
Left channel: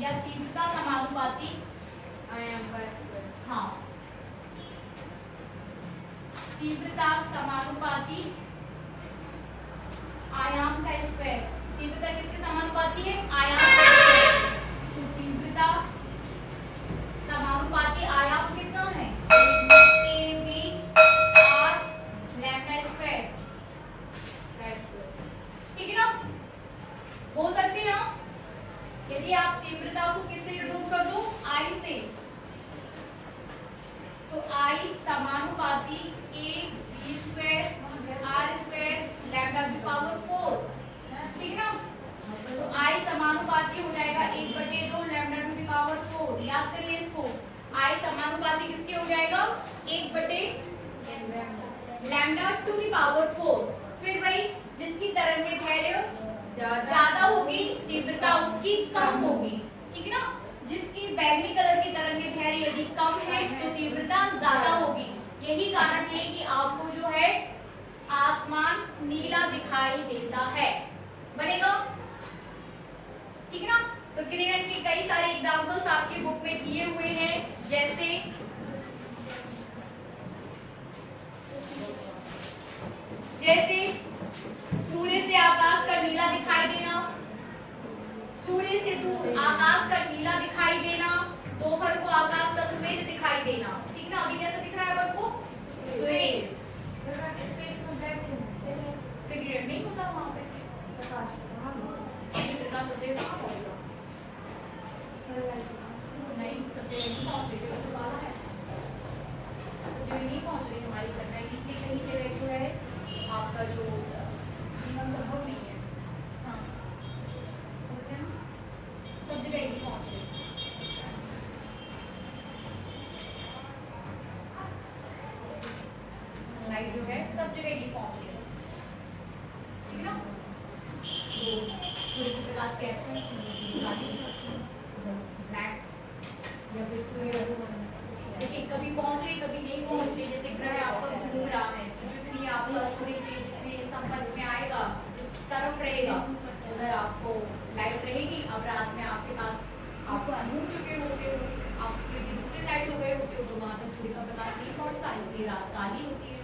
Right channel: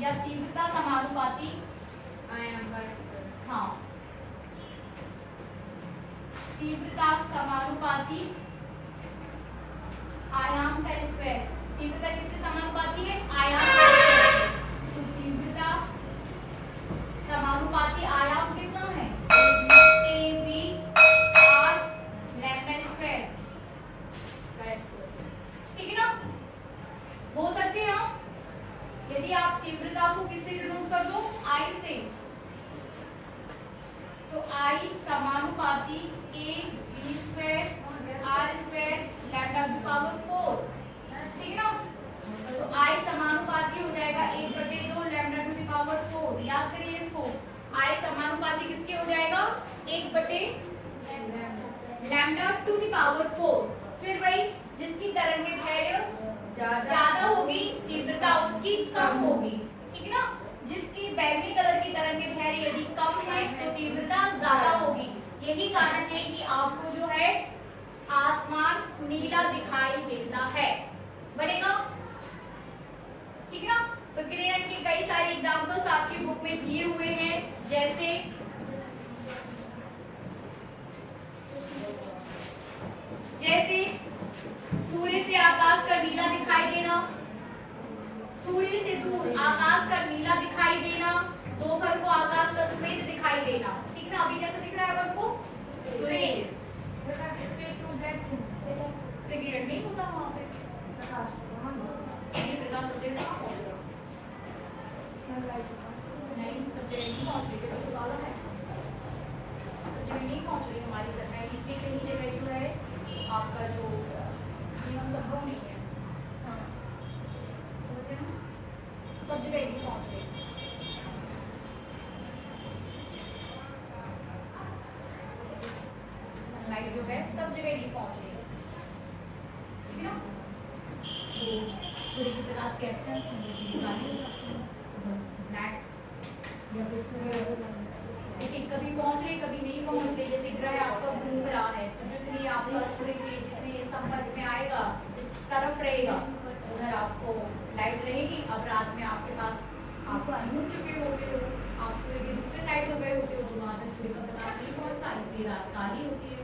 या तीव्रता समानुपाती, आयाम बाय, हाँ, तीव्रता समानुपाती आयाम का स्क्वायर। तीव्रता किसके समानुपाती है, आयाम का स्क्वायर। तो तीव्रता समानुपाती आयाम कितना है, AB R लैम्डा स्क्वायर, ठीक है ना। बोल सकते हैं हम, यदि आप तीव्रता को किससे डिनोट कर दो, I से, तो I समानुपाती AB square R square lambda की पावर 4, ठीक है ना। तो I समानुपाती हो जाएगा 1/2 लैम्डा टू दी पावर 4। याद करिए इसको, I समानुपाती किसके हो जाएगा, 1/2 लैम्डा टू दी पावर 4। फिर वही जिसकी तरंगदैर्घ्य ज्यादा होगी तीव्रता उसकी कम होगी, ठीक है ना। जिसकी बैंगनी कलर की तरंगदैर्घ्य यदि कम है तो तीव्रता ज्यादा होगी। यही कारण है कि आपको जो है आसमान नीला दिखाई देता है, बनेगा, ठीक है ना। तो किरण के कई सारे एग्जांपल्स आपकी बुक में दिए हुए हैं, जैसे सूर्य से आकाश का नीला दिखाई देना, सूर्य से दूर आकाश का नीला दिखाई देना, 2 दोपहर को आकाश का सफेद दिखाई देना, ठीक ना। अभी कैसा दिख रहा है अपन को? सफेद। स्पेस में ब्लैक ग्रेड नहीं होता वहाँ पे, प्रकाश ये प्रकाश सफेद कहाँ पहुँचेगा? सनलाइट नहीं, सफेद नहीं पहुँच रही है, तो वाला है सफेद नहीं पहुँच रही हमारी सनलाइट, इसलिए कहीं जगह जो है आपका जो जीवन संभव नहीं है। हाँ, सब जगह नहीं पहुँच रही। लाइट जो है सब जगह नहीं पहुंच रही है, ठीक है ना। तो सूर्य के प्रकाश के ब्लैक या फिर सूर्य देखिए कभी पहुंच रही कभी नहीं पहुंच रही, जैसे ग्रह आपका घूम रहा है तो जितनी आपका सूर्य के जितने संपर्क में आएगा जिस तरफ रहेगा उधर आपको लाइट रहेगी। अब रात में आपके पास आप डूब चुके होते हो, आप सूर्य की दूसरी साइड हो गए होते हो, तो वहां तक सूर्य का प्रकाश नहीं पहुंचता, इसलिए रात काली होती है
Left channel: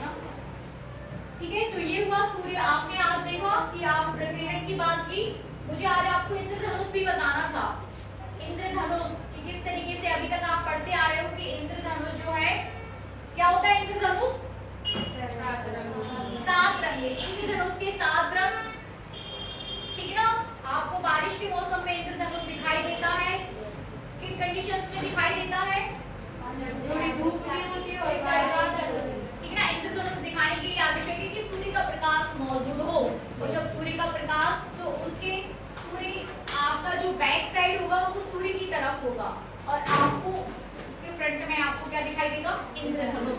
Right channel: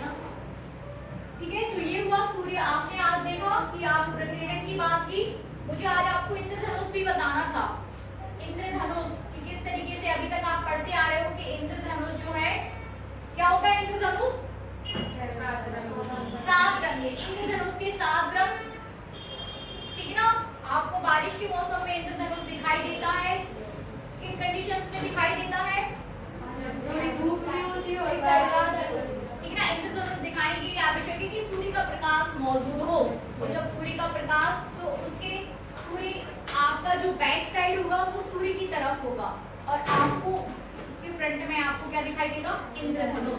ना। ठीक है, तो ये हुआ सूर्य। आपने आज देखा कि आप प्रकीर्णन की बात की, मुझे आज आपको इंद्रधनुष भी बताना था। इंद्रधनुष कि किस तरीके से अभी तक आप पढ़ते आ रहे हो कि इंद्रधनुष जो है क्या होता है? इंद्रधनुष 7 रंग है, इंद्रधनुष के 7 रंग, ठीक है ना। आपको बारिश के मौसम में इंद्रधनुष दिखाई देता है, किन कंडीशंस में दिखाई देता है? थोड़ी धूप भी होती है और ठीक है ना। इंद्रधनुष दिखाने के लिए आवश्यक है कि सूर्य का प्रकाश मौजूद हो, और जब सूर्य का प्रकाश तो उसके सूर्य आपका जो बैक साइड होगा वो सूर्य की तरफ होगा, और आपको के फ्रंट में आपको क्या दिखाई देगा? इंद्रधनुष।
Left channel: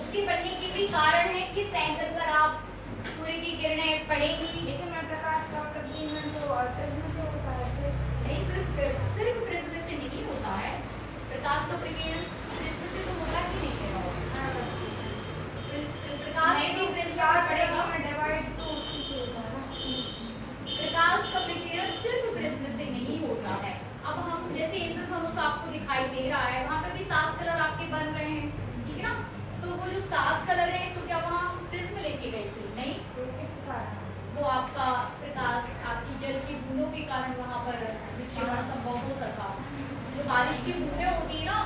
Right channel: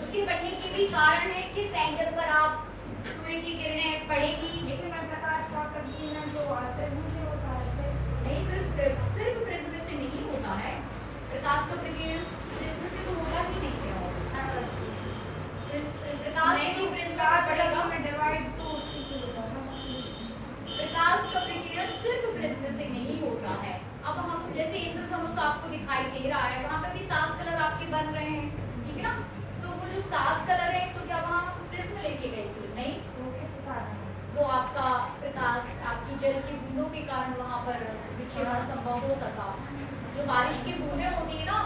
उसके बनने के भी कारण है किस एंगल पर आप सूर्य की किरणें पड़ेगी। लेकिन मैं प्रकाश का प्रकीर्णन तो प्रिज्म से होता है, नहीं, सिर्फ प्रिज्म से नहीं होता है, प्रकाश का प्रकीर्णन प्रिज्म से तो होगा कि नहीं होगा? प्रकाश के प्रिज्म पड़ेगा, डिवाइड तो उससे होता है ना। प्रकाश का प्रकीर्णन सिर्फ प्रिज्म से नहीं होता है। अब हम जैसे इंद्रधनुष आपको दिखाई दे रहा है, वहाँ पे भी 7 कलर आपके बन रहे हैं, ठीक है ना। तो वो जो 7 कलर हैं, तो क्या वहाँ प्रिज्म लेके गए थे? नहीं, तो किस कारण? वो आपका प्रकाश आपकी जल की बूंदों के कारण वहाँ पर विक्षेपण संभव हो सका। जो बारिश की बूंदें होती है ना,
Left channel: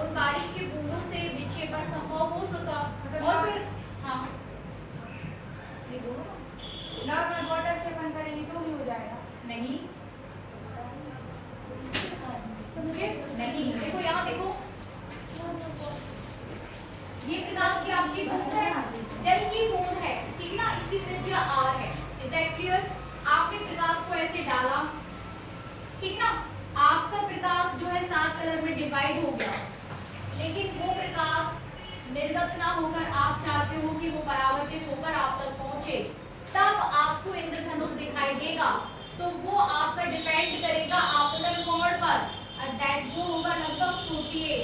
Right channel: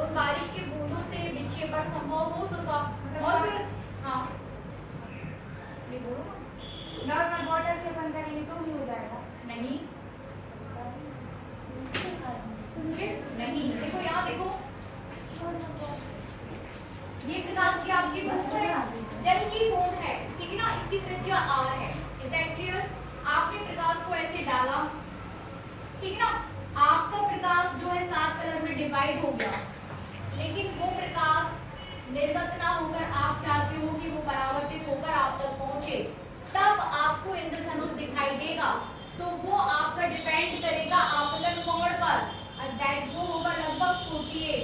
उन बारिश की बूंदों से विक्षेपण संभव हो सका। और फिर हाँ, ये बोलो ना। नॉर्मल वाटर से बंद करेंगे तो भी हो जाएगा? नहीं, मुझे नहीं, देखो यहाँ देखो, ये प्रकाश की आपकी बूंद है, जल की बूंद है, ठीक है ना। इसकी त्रिज्या r है। Is that clear? आपने प्रकाश को ऐसे डाला, ठीक है ना। आपका प्रकाश जो है 7 कलर में डिवाइड हो गया, लेकिन वो प्रकाश निर्गत ना होकर आप चाहते हो कि वो परावर्तित होकर आप तक पहुंचे, तब आपको इंद्रधनुष दिखाई देगा। तो वो आपका डिपेंड करेगा आपतन कोण पर, और दैट वो होगा लगभग 48।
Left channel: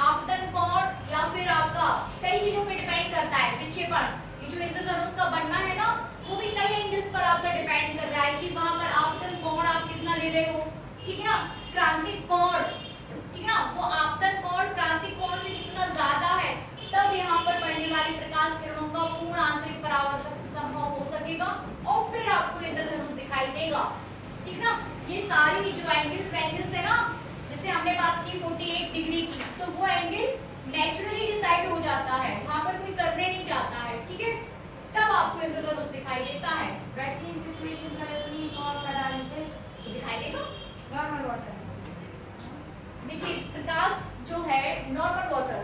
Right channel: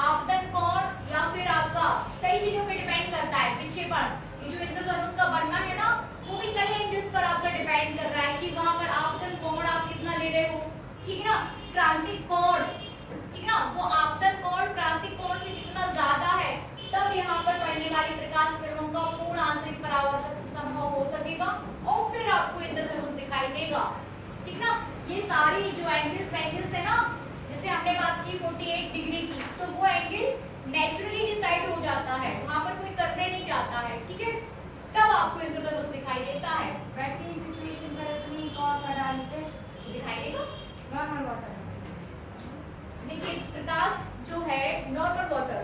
आपतन कोण या फिर आपका कई चीजों पे डिपेंड करता है विक्षेपण। ये जो इंद्रधनुष का बनना है ना, वो भी कई एंगल्स पर आपका डिपेंड कर रहा है कि वहां पर आपतन कोण आप कितना ले रहे हो, ठीक है ना। क्रांतिक कोण, ठीक है ना, वो आपतन कोण क्रांतिक कोण से कितना ज्यादा है, तब यहाँ पर पड़ने वाली प्रकाश किरणों का पूर्ण आंतरिक परावर्तन संभव हो सकेगा, और फिर आपको इंद्रधनुष दिखाई देगा, ठीक ना। ये सारी जो एंगल्स है ना, जैसे हमने बात की 48 डिग्री की, तो वो एंगल नेचुरली डिसाइड हो जाता है, वहां पर कोई करने नहीं जाता है, ठीक है। तब आपको इंद्रधनुष दिखाई देता है। वैसे इन सिचुएशन का इतनी कौन करा लीजिए तो दिखाई देगा नॉर्मल वाटर। देखिए प्रकाश जो है नॉर्मल वाटर,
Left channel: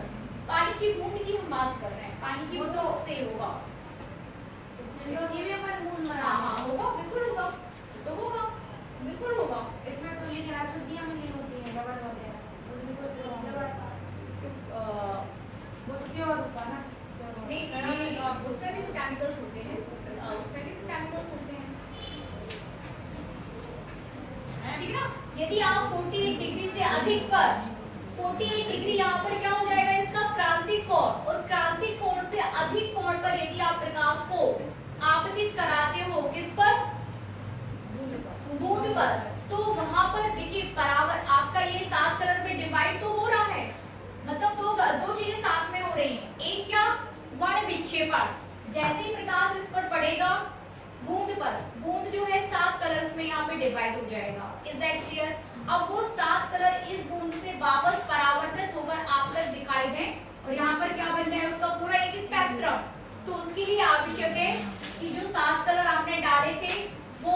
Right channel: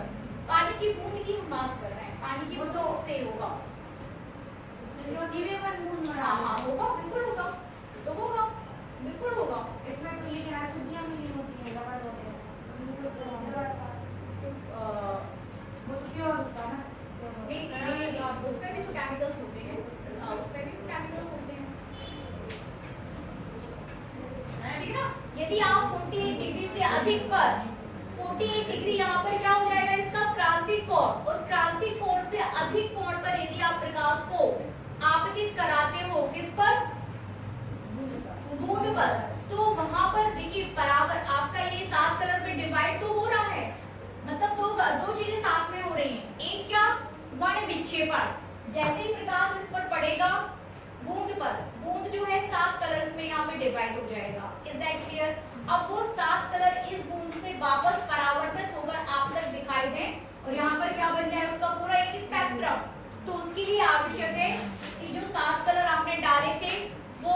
पानी की बूंद की हम बात कर रहे हैं, पानी की बूंद से होगा। नीले पर बूंद मरा। हाँ होगा, बिल्कुल होगा, तो होगा, बिल्कुल होगा। इसमें तो लेकिन अशुद्धियां मिली होती हैं, रबड़ वगैरह, उनसे कोई प्रॉब्लम वो तो प्योर होता है ना। नहीं, उसमें भी तो केमिकल्स होते हैं, उसमें भी तो केमिकल्स होते हैं, ठीक है ना। यदि आप 48 डिग्री से अधिक पर, 48 डिग्री यहाँ पर क्या हो जाएगा? इसका क्रांतिक कोण, और क्रांतिक कोण से अधिक कोण पर यदि आप प्रकाश को आपतित कराते हो, किस पर? बूंद पर, तो वहां पर देखिए बराबर आपका ये 7 कलर में डिवाइड तो हो रहा है, मतलब दो चीजें साथ में हो रही हैं। एक क्या? वर्ण विक्षेपण, जैसे ही प्रकाश इस पर पड़ेगा बूंद पर, बूंद जो है 7 कलर्स में यहाँ पे डिवाइड हो जाएगा। Is that clear? अब वो 7 कलर इस बूंद से वापस परावर्तित होकर आप तक दिखाई दें और यहाँ पर क्या बन जाए उसका पूरा एक स्पेक्ट्रम। तो उसके लिए आवश्यक है कि जो 7 कलर आपने डाले थे वो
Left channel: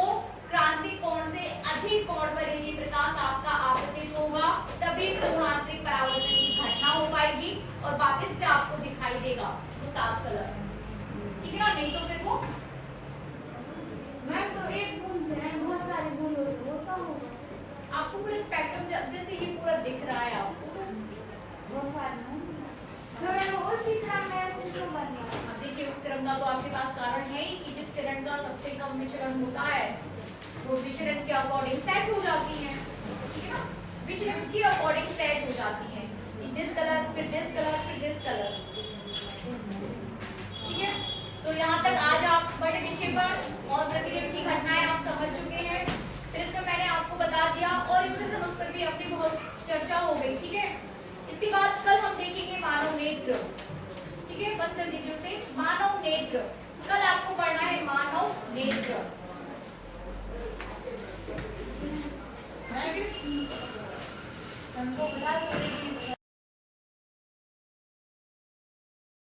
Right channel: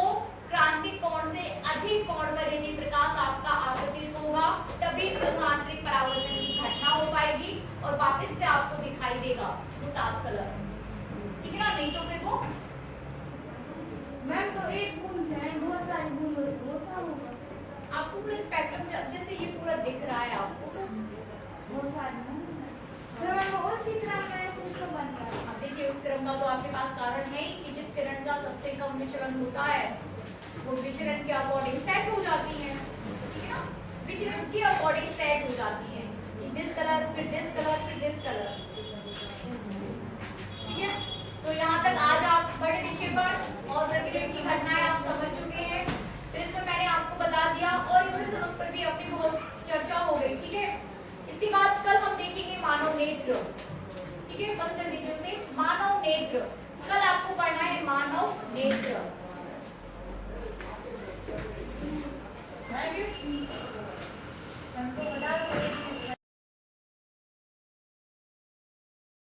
क्रांति कोण से अधिक कोण पर यदि प्रकाश आपका आपतित होगा तभी आंतरिक परावर्तन की घटना हो पाएगी और वापस से आपको दिखाई देगा वो 7 कलर, ठीक है ना। नहीं तो फिर वो मैम तो एक बूंद से नहीं बहुत सारी बूंदों से होता होगा। आपको पूरा स्पेक्ट्रम जैसे ये पूरा दिख रहा है आपको तो बहुत सारी तो मैम उसी तरह मैं उसी को बन गया। अब देखिए उस क्रम का तो आपके पास कारण है ही कि जिस किरण का सबसे कम विचलन होता है वो विचलन के अकॉर्डिंग सेट हो जाती है, ठीक है ना। विचलन के अकॉर्डिंग सेट हो जाती है, दिस कलर फिर दिस कलर फिर दिस कलर, ठीक है। तो यहाँ तक आज आप बड़े विक्षेपण और प्रतिबिंब की घटनाएं आप समझ चुके हैं। फिर इसमें मैंने आपको बता दिया और इंद्रधनुष पर भी अपनी बहुत चर्चा हो गई, ठीक है। इसके बाद कल हम देखेंगे मानव नेत्र, ठीक है। बस कर दीजिए उसे मानव नेत्र।